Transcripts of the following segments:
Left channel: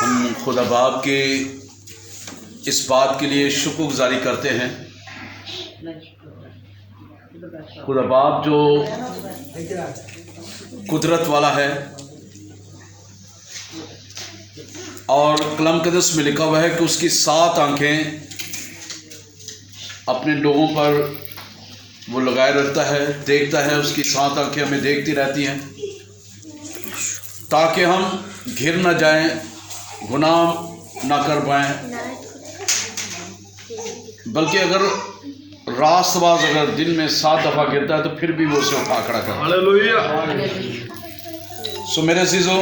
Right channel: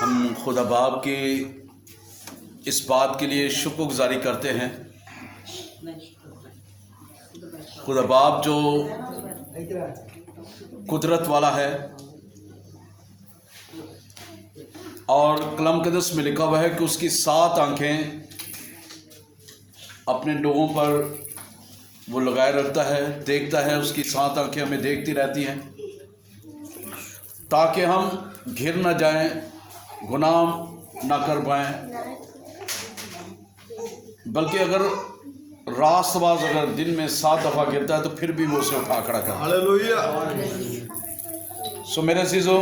हम खुदा बाप के इस बात के लिए शुक्रगुजारी करते हैं। खुदा बाप जो कुदरत वाला है और कलम कदस में लिखा हुआ है कि उसकी 7 आंखें अपने लोगों पर वो लगाए रखता है, देखता है। उसकी 7 आंखें हमें देखती रहती हैं ताकि हम घिर न जाएं, गुनाह ना कर पाएं। बल्कि अगर रास्तबाज अगर दिन में 7 दफ़ा गिरता है तो फिर भी वो उसे उठा खड़ा करता है। हालेलुया। सो मेरे अज़ीज़ों,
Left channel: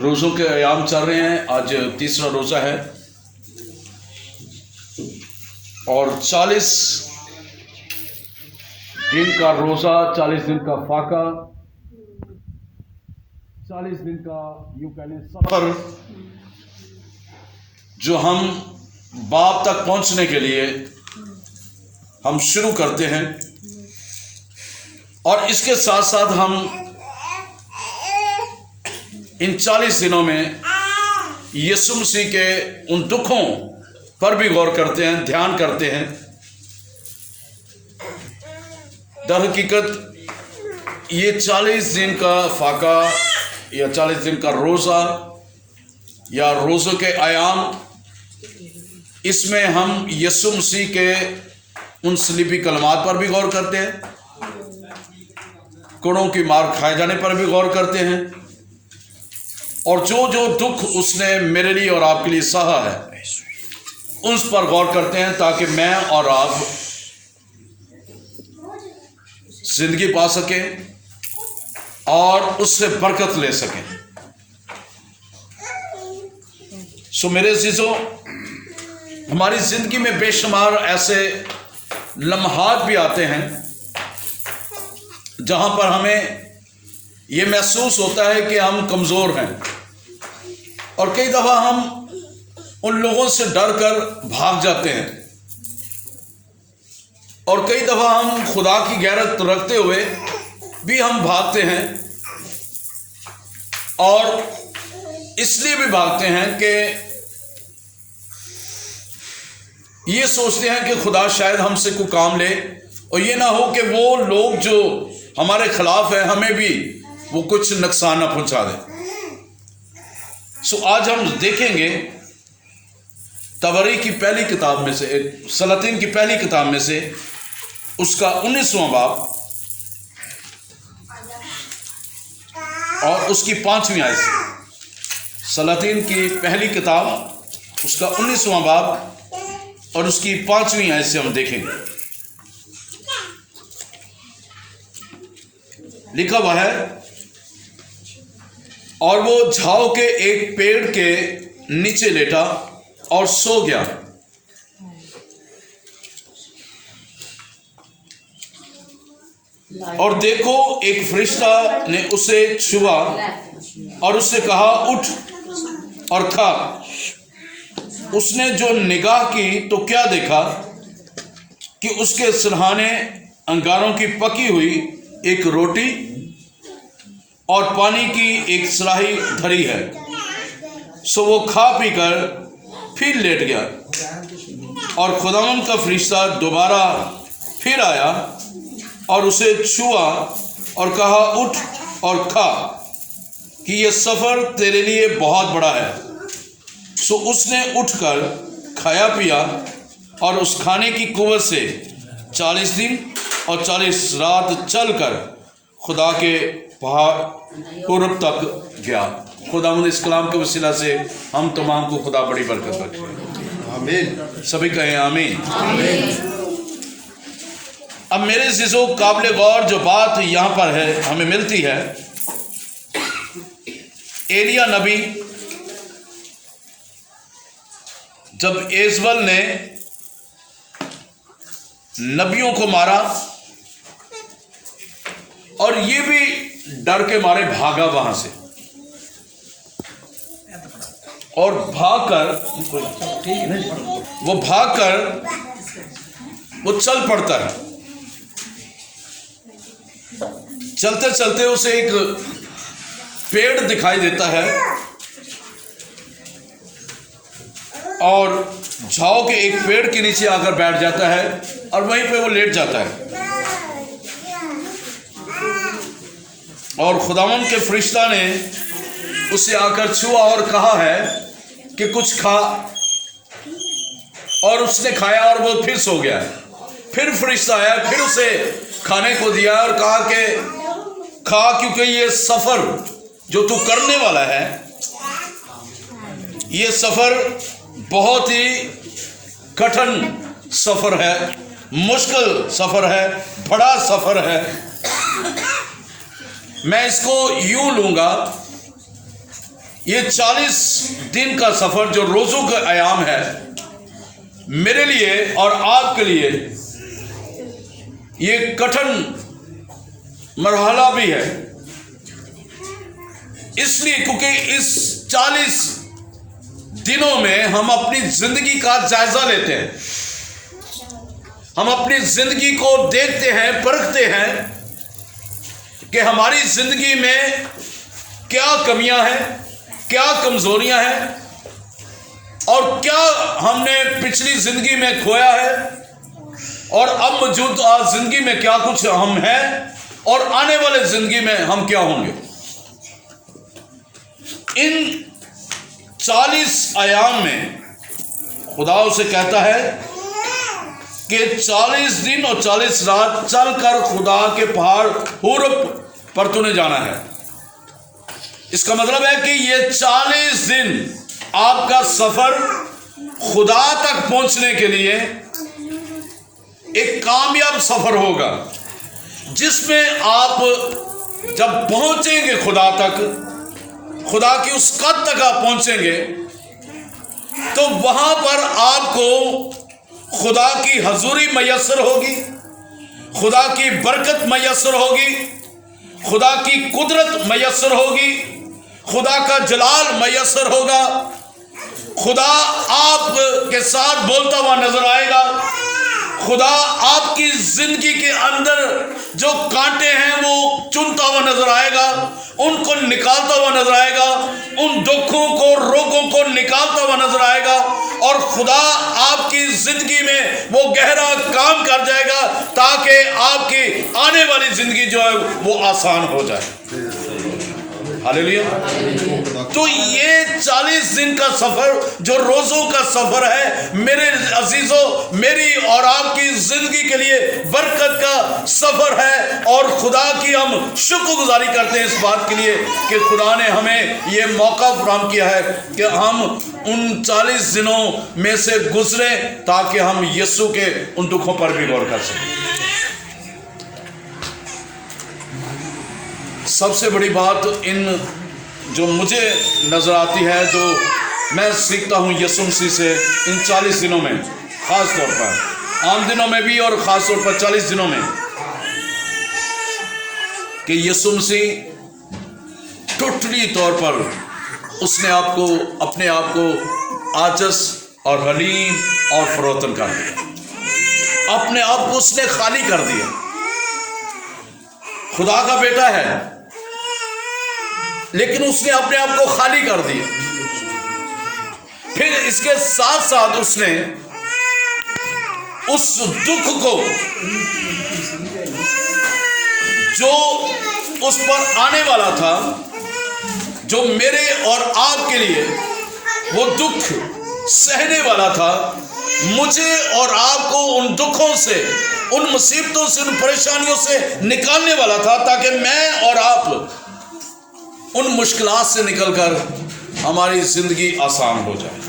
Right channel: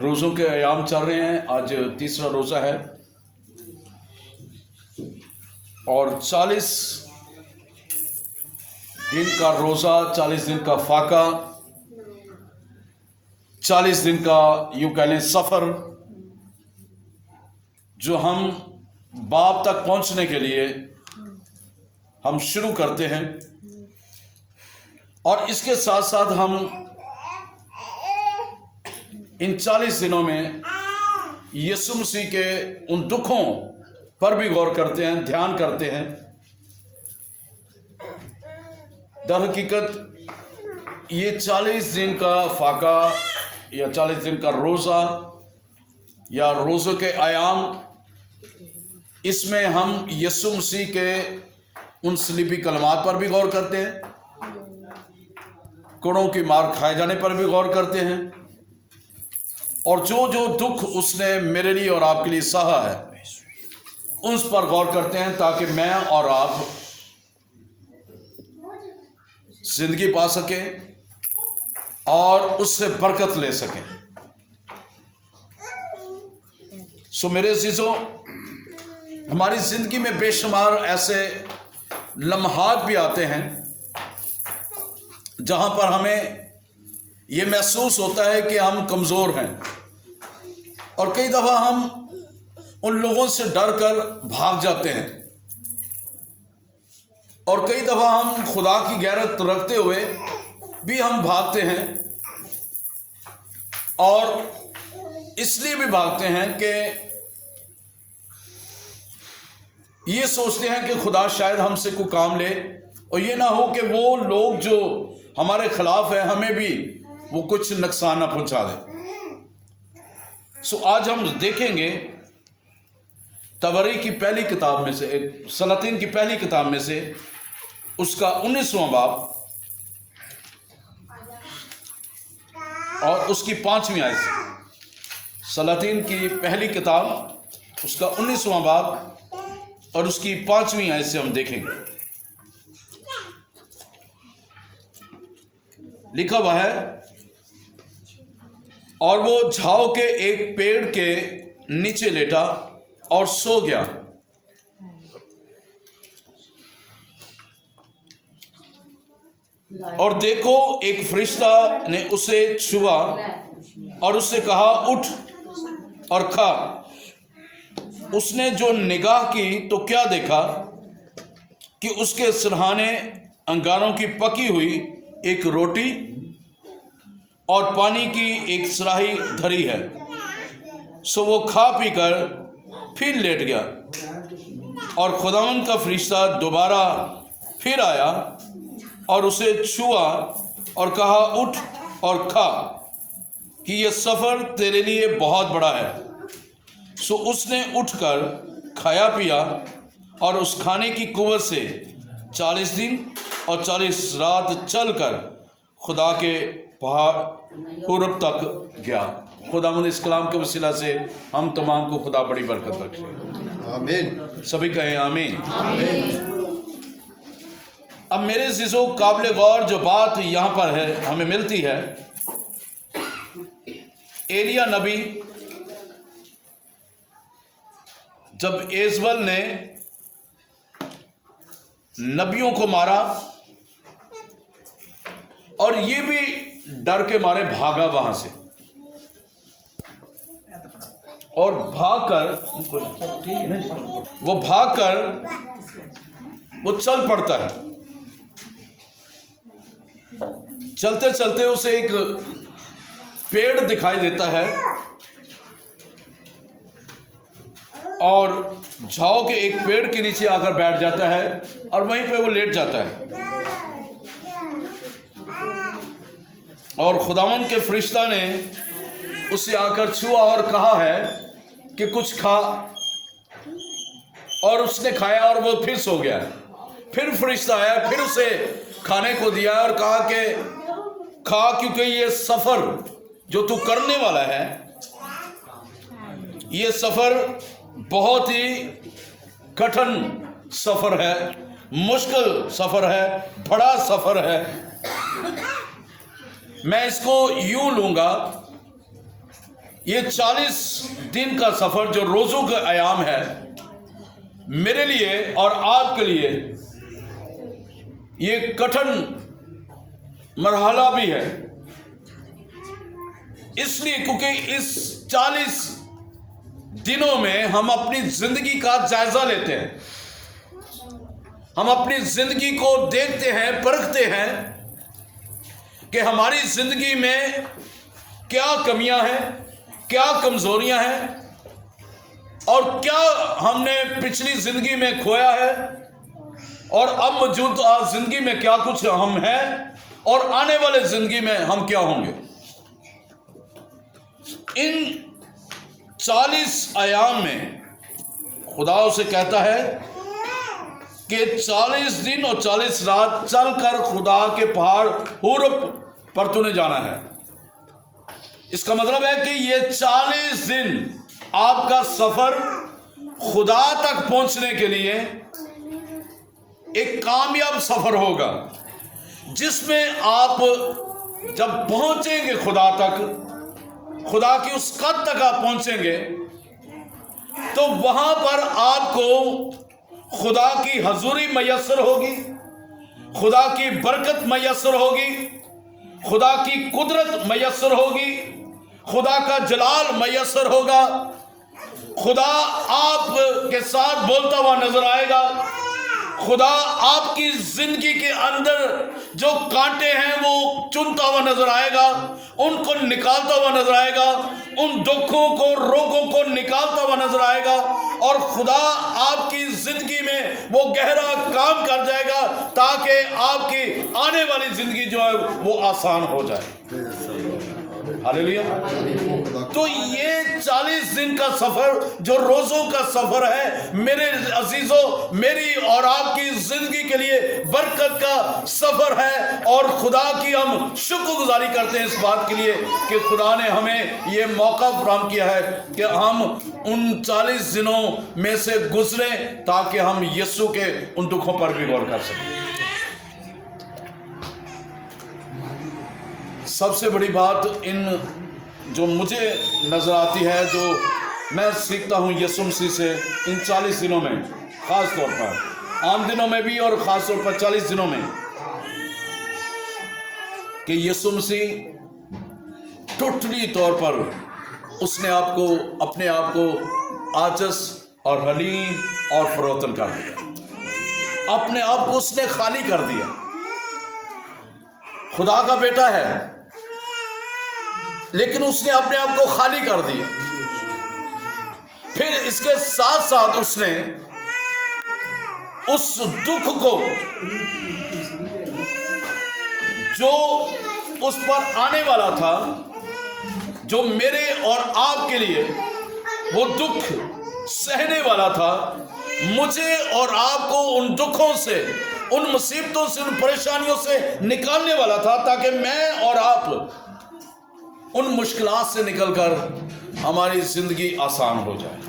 रोज़ों के अयाम चल रहे हैं। आज तीसरा रोज़ा है और 40 दिन का रोज़ा, 40 दिन का फाका, 40 दिन का यूँ कह लें सफ़र, जो हम बाप तक पहुंचने के लिए हम शुरू करते हैं। और इसके साथ साथ हम इन 40 दिनों में यीशु मसीह के उन दुखों पर भी गौर करते हैं, ध्यान करते हैं। दर हकीकत ये 40 दिन का फाका या 40 दिन का रोज़ा या रोज़ों के आयाम, इसमें हम यीशु मसीह के उन सलीबी कलमात पर भी गौर करते हैं, कोड़ों की मार खाए जाने पर भी गौर करते हैं, और जो जो दुख उसने मेरे लिए और आपके लिए सहा है उस पर गौर करते हैं, ताकि मैं और आप जिंदगी पा सकें और उससे बरकत ले सकें। सो मेरे अज़ीज़ों, हमारी ज़िंदगी में बेशुमार ऐसे लम्हात भी आते हैं जहां पर हमें ये महसूस होता है कि हम कमज़ोर हैं, और कई दफ़ा हम उन लोगों से डर कर भाग जाते हैं, और कई दफ़ा हम खुदा की गैरत रखते हुए भी हम भागते हैं। और इसलिए भी भागते हैं कि ये सोचते हैं कि खुदा शायद हमसे कोई काम ले, और ये ना हो कि वो लोग जो हमारे खिलाफ है हमें भी वो कुछ नुकसान ना पहुंचा दे। सो आज हम देखेंगे तबरी की पहली किताब में से, सलातीन की पहली किताब में से, उसका 19वां बाब और उसकी 5वीं आयत से। सलातीन की पहली किताब, उसका 19वां बाब और उसकी 5वीं आयत से हम देखेंगे। लिखा हुआ है, और वो झाओ के एक पेड़ के नीचे लेटा और सो गया। और देखो, एक फरिश्ता ने उसे छुआ और उससे कहा, उठ और खा। उसने जो निगाह की तो क्या देखा कि उसके सिरहाने अंगारों की पकी हुई एक रोटी और पानी की एक सराही धरी है। सो वो खा पी कर फिर लेट गया। और खुदावंद का फरिश्ता दोबारा फिर आया और उसे छुआ और कहा, उठ और खा, कि यह सफ़र तेरे लिए बहुत बड़ा है। सो उसने उठकर खाया पिया और उस खाने की कुव्वत से 40 दिन और 40 रात चलकर खुदा के पहाड़ पूरब तक गया। खुदावंद इस कलाम के वसीला से हम तमाम को खुदा बड़ी बरकत बख्शे। आमीन। सभी कहें आमीन। अब मेरे अज़ीज़ों, काबिल गौर जो बात यहाँ पर है हमें मिलती है, एलिया नबी जब एजबल ने नबियों को मारा और ये भी डर के मारे भागा वहां से, और भागकर वो चल पड़ता है। चलते चलते उसे एक पेड़ दिखाई देता है और झाओ के एक पेड़ के नीचे आकर बैठ जाता है और वहीं पे वो लेट जाता है। और खुदावंद के फरिश्ता ने उसे आकर छुआ और कहा है कि कुछ खा, और उसने खाया और वो फिर सो गया। फिर फरिश्ता आया, फिर उसे खाने को दिया और कहा कि खा, क्योंकि ये सफर जो तू करने वाला है, ये सफर बहुत ही कठिन सफर है, मुश्किल सफर है, बड़ा सफर है। मैं इसको यूं लूंगा, ये 40 दिन का सफर जो रोजों का आयाम है, मेरे लिए और आपके लिए ये कठिन मरहला भी है। इसलिए क्योंकि इस 40 दिनों में हम अपनी जिंदगी का जायजा लेते हैं, हम अपनी जिंदगी को देखते हैं, परखते हैं कि हमारी जिंदगी में क्या कमियां हैं, क्या कमजोरियां हैं, और क्या हमने पिछली जिंदगी में खोया है, और अब मौजूद जिंदगी में क्या कुछ हम हैं, और आने वाले जिंदगी में हम क्या होंगे। इन 40 आयाम में खुदा उसे कहता है कि 40 दिन और 40 रात चलकर खुदा के पहाड़ होर पर तूने जाना है। इसका मतलब है कि ये 40 दिन आपका सफर खुदा तक पहुंचने के लिए एक कामयाब सफर होगा, जिसमें आप जब पहुंचेंगे खुदा तक, खुदा की उस कद तक आप पहुंचेंगे, तो वहां पर आपको खुदा की हजूरी मैसर होगी, खुदा की बरकत मैसर होगी, खुदा की कुदरत मैसर होगी, खुदा का जलाल मैसर होगा, खुदा आपके साथ बोलता हुआ नजर आएगा, खुदा आपकी जिंदगी के अंदर जो कांटे हैं वो चुनता हुआ नजर आएगा, उनको निकालता हुआ नजर आएगा, उन दुखों को, रोगों को निकालता हुआ नजर आएगा, और खुदा आपकी जिंदगी में वो गहरा काम कर जाएगा ताकि आपकी आने वाली जिंदगी जो है वो आसान हो जाए। हालेलुया। तो ये 40 दिन का सफर जो रोजों का सफर है, मेरे अजीजों, मेरी और आपकी जिंदगी के लिए बरकत का सफर है, और खुदा की हम शुक्रगुजारी करते हैं इस बात के लिए कि खुदा ने हमें ये मौका फराहम किया है कि हम उन 40 दिनों में से गुजरे ताकि हम यीशु के उन दुखों पर भी गौर कर सकें। सबसे बड़ी बात इन जो मुझे नजर आती है, जो मैं सीखता हूँ यीशु मसीह से इन 40 दिनों में, खास तौर पर आम दिनों में भी और खास तौर पर 40 दिनों में, कि यीशु मसीह टोटली तौर पर उसने आपको, अपने आप को आजिज़ और हलीम और फरोतन कर दिया, अपने आप को उसने खाली कर दिया। खुदा का बेटा है, लेकिन उसने अपने आप को खाली कर दिया। फिर इसके साथ साथ उसने उस दुख को जो उस पर आने वाला था, जो मेरे और आपके लिए वो दुख सहने वाला था, मुझे और आपको उन दुखों से, उन मुसीबतों से, उन परेशानियों से निकालने वाला था, ताकि मैं और आप उन मुश्किलात से निकलकर हमारी जिंदगी आसान हो जाए।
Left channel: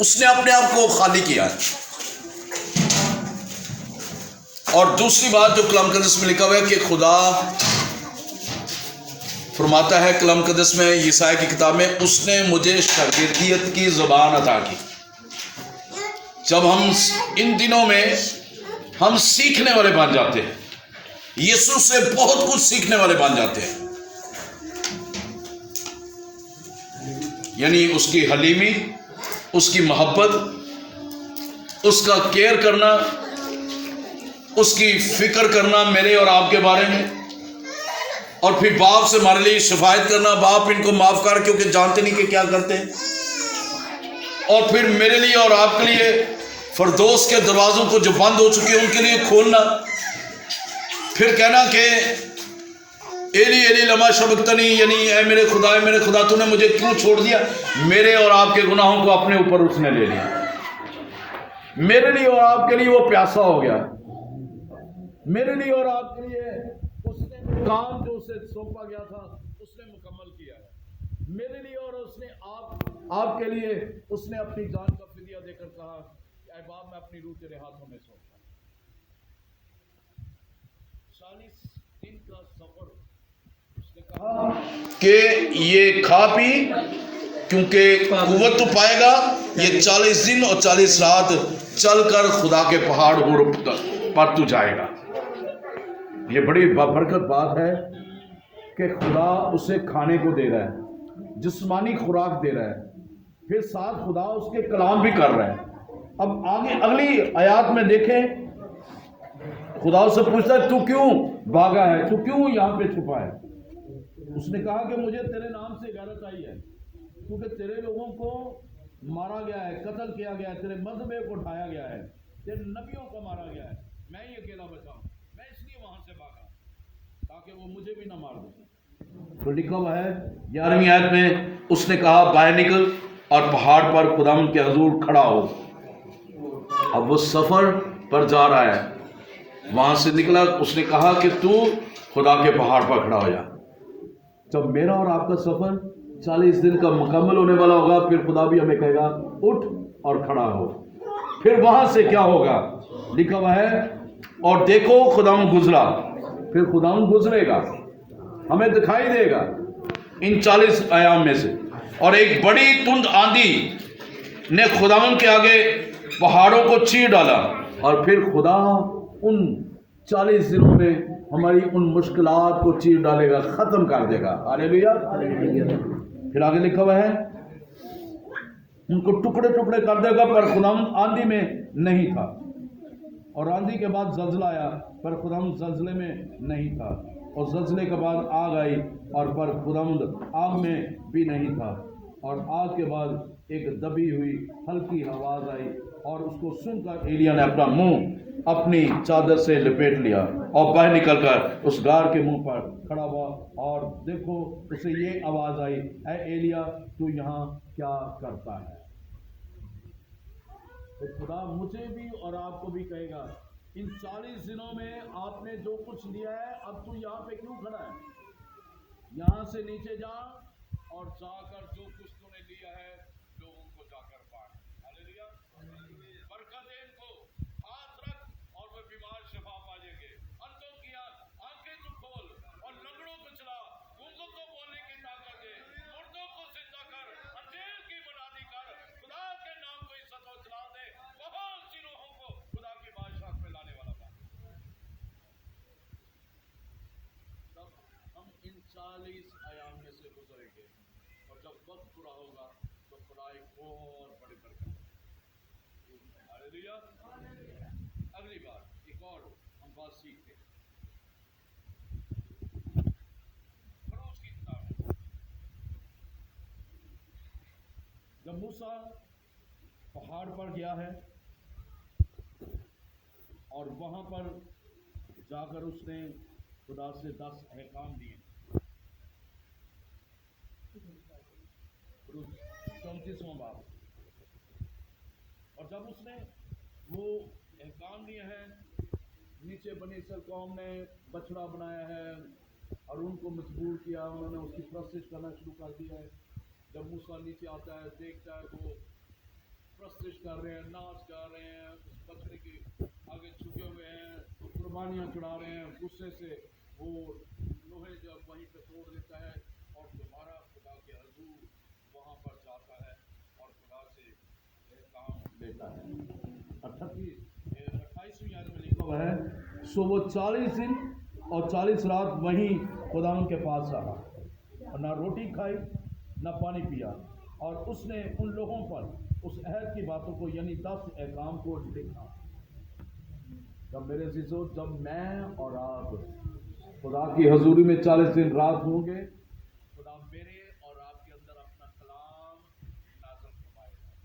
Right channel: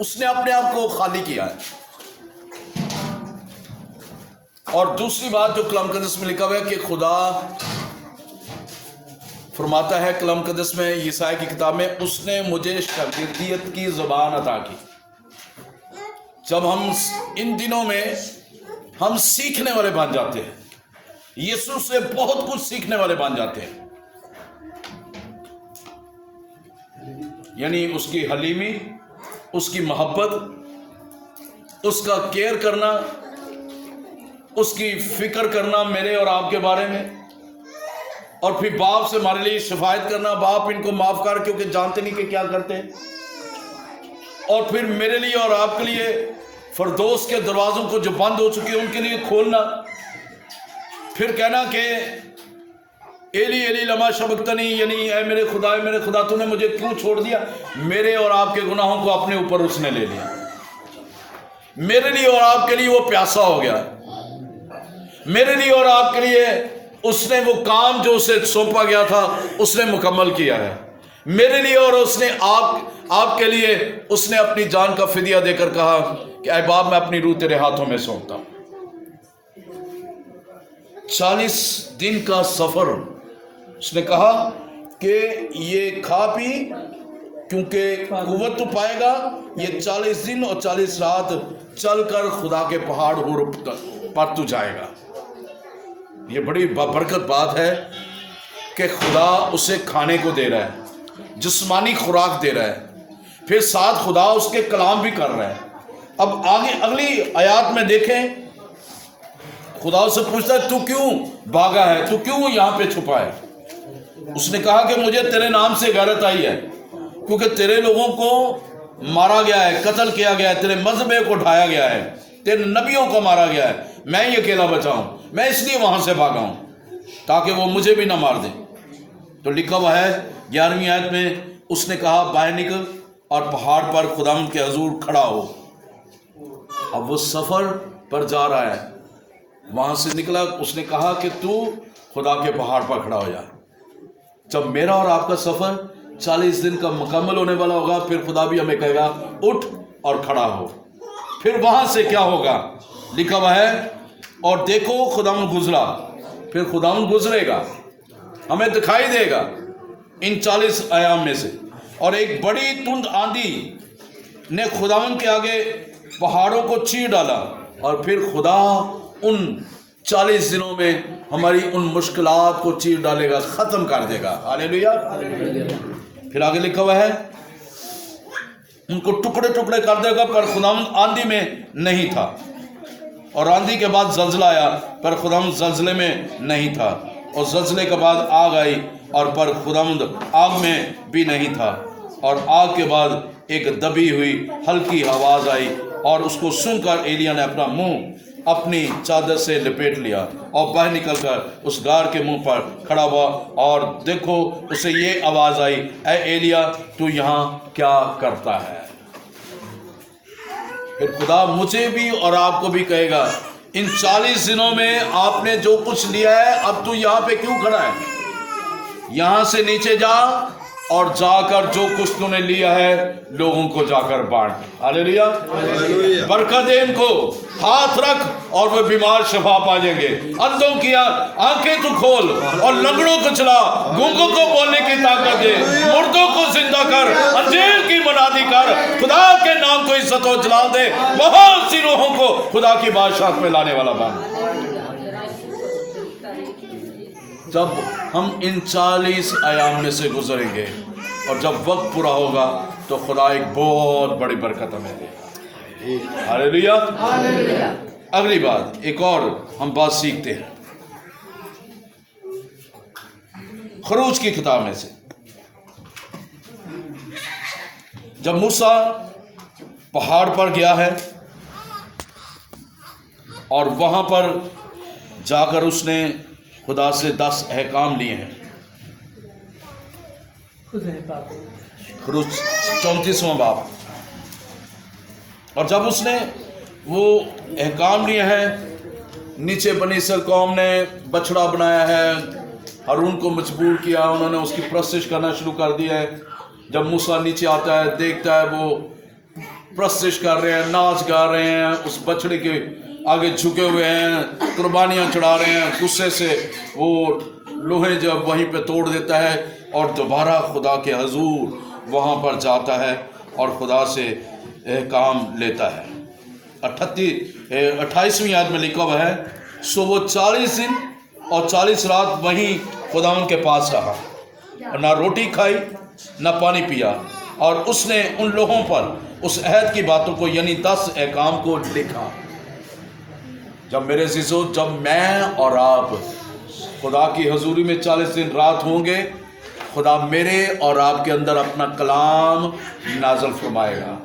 उसने अपने आप को खाली किया। और दूसरी बात जो कलाम कदस में लिखा हुआ है कि खुदा फरमाता है कलाम कदस में, यशायाह की किताब में, उसने मुझे शागिर्दियत की ज़बान अता की। जब हम इन दिनों में हम सीखने वाले बन जाते हैं, यीशु से बहुत कुछ सीखने वाले बन जाते हैं, यानी उसकी हलीमी, उसकी मोहब्बत, उसका केयर करना, उसकी फिक्र करना मेरे और आपके बारे में, और फिर बाप से हमारे लिए शिफायत करना, बाप इनको माफ कर क्योंकि जानते नहीं कि क्या करते हैं। और फिर मेरे लिए और आपके लिए फिरदौस के दरवाज़ों को जो बंद हो चुके हैं उनके लिए खोलना। फिर कहना कि एली एली लमा शबक्तनी, यानी ऐ मेरे खुदा तूने मुझे क्यों छोड़ दिया। मेरे और आपके गुनाहों को अपने ऊपर उसने ले लिया, मेरे लिए और आपके लिए वो प्यासा हो गया, मेरे लिए और आपके लिए उसने वो काम जो उसे सौंपा गया था उसने मुकम्मल किया है। मेरे लिए और उसने आपके लिए उसने अपनी जान का फिदिया देकर कहा कि ऐ बाप मैं अपनी रूह तेरे हाथों में सौंपता हूं। 40 दिन का सफर उसने कहा कि ये खा पी, क्योंकि कुव्वत तो पाएगा। ये 40 दिन और 40 रात चलकर खुदा के पहाड़ पर तू जाएगा। ये बड़ी बरकत बात है कि खुदा उसे खाने को दे रहा है, जिस्मानी खुराक दे रहा है, फिर साथ खुदा उसके कलाम भी कर रहा है। अब आगे अगली आयत में देखें, खुदा उससे पूछता है तू क्यों भागा है, तू क्यों यहाँ पे छुपा है। उसने कहा कि मुझे तेरे नाम से गैरत आई है, क्योंकि तेरे लोगों को मारा गया है, कत्ल किया गया है, तेरे मजहबे को उठाया गया है, तेरे नबियों को मारा गया है, मैं ही अकेला बचा हूं, मैं इसलिए वहां से भागा हूं ताकि वो मुझे भी ना मार दे। तो लिखा हुआ है 11वीं आयत में, उसने कहा बाहर निकल और पहाड़ पर खुदावंद के हजूर खड़ा हो। अब वो सफर पर जा रहा है, वहां से निकला, उसने कहा कि तू खुदा के पहाड़ पर खड़ा हो जा। जब मेरा और आपका सफर 40 दिन का मुकम्मल होने वाला होगा, फिर खुदा भी हमें कहेगा उठ और खड़ा हो। फिर वहां से क्या होगा, लिखा हुआ है और देखो खुदावंद गुजरा। फिर खुदावंद गुजरेगा, हमें दिखाई देगा इन 40 आयाम में से, और एक बड़ी तुंद आंधी ने खुदावंद के आगे पहाड़ों को चीर डाला, और फिर खुदा उन 40 दिनों में हमारी उन मुश्किलात को चीर डालेगा, खत्म कर देगा। हालेलुया। फिर आगे लिखा हुआ है उनको टुकड़े टुकड़े कर देगा, पर खुदावंद आंधी में नहीं था। और आंधी के बाद जल्जला आया, पर खुदावंद जल्जले में नहीं था। और जल्जले के बाद आग आई, और पर खुदावंद आग में भी नहीं था। और आग के बाद एक दबी हुई हल्की आवाज आई, और उसको सुनकर एलिया ने अपना मुंह अपनी चादर से लपेट लिया और बाहर निकलकर उस गार के मुंह पर खड़ा हुआ। और देखो उसे ये आवाज आई, ऐ एलिया तू यहाँ क्या करता है। फिर खुदा मुझे भी और आपको भी कहेगा, इन 40 दिनों में आपने जो कुछ लिया है, अब तू यहाँ पे क्यों खड़ा है। यहाँ से नीचे जा और जाकर जो कुछ तूने लिया है लोगों को जाकर बांट। हालेलुया। बरकत दे इनको, हाथ रख और वे बीमार शिफा पा जाएंगे। अंधों की आंखें तू खोल और लंगड़ों को चला, गूंगों को बोलने की ताकत दे, मुर्दों को जिंदा कर, अंधेर की मनादी कर, खुदा के नाम को इज्जत और जलाल दे। बहुत सी रूहों को खुदा की बादशाह में लाने वाला बन। जब हम इन 40 आयाम में से गुजरेंगे और जब वक्त पूरा होगा तो खुदा एक बहुत बड़ी बरकत हमें देगा। हालेलुया। अगली बात, एक और हम बात सीखते हैं खरूज की किताब में से। जब मूसा पहाड़ पर गया है और वहां पर जाकर उसने खुदा से 10 अहकाम लिए हैं। खरूज 34वां बाब। और जब उसने वो अहकाम लिए हैं, नीचे बनी इसराइल कौम ने बछड़ा बनाया है, हारून को मजबूर किया, उन्होंने उसकी परस्तिश करना शुरू कर दिया है। जब मूसा नीचे आता है, देखता है वो परस्तिश कर रहे हैं, नाच गा रहे हैं, उस बछड़े के आगे झुके हुए हैं, कुर्बानियाँ चढ़ा रहे हैं। गुस्से से वो लोहे जब वहीं पे तोड़ देता है और दोबारा खुदा के हजूर वहाँ पर जाता है और खुदा से काम लेता है। 28वीं आयत में लिखा हुआ है, सो वो 40 दिन और 40 रात वहीं खुदावंद के पास रहा, ना रोटी खाई ना पानी पिया। और उसने उन लोगों पर उस अहद की बातों को यानी 10 अहकाम को लिखा। जब मेरे अज़ीज़ों, जब मैं और आप खुदा की हजूरी में 40 दिन रात होंगे, खुदा मेरे और आपके अंदर अपना कलाम नाज़िल फरमाएगा।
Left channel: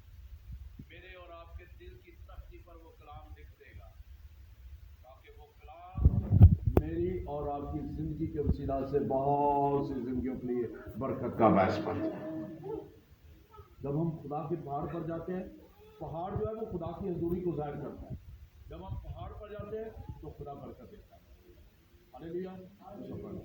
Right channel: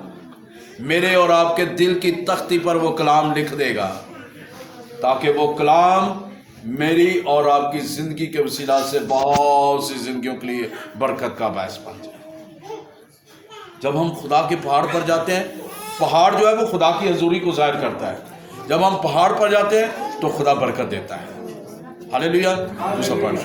मेरे और आपके दिल की तख्ती पर वो कलाम लिख देगा, ताकि वो कलाम मेरी और आपकी ज़िंदगी के वसीला से बहुत सी ज़िंदगियों के लिए बरकत का बायस बन जाए। जब हम खुदा के पहाड़ पर जाते हैं, पहाड़ जो है वो खुदा की हजूरी को ज़ाहिर करता है। जब हम पहाड़ पर जाते हैं तो खुदा बरकत देता है। हालेलुया। दूसरा पॉइंट।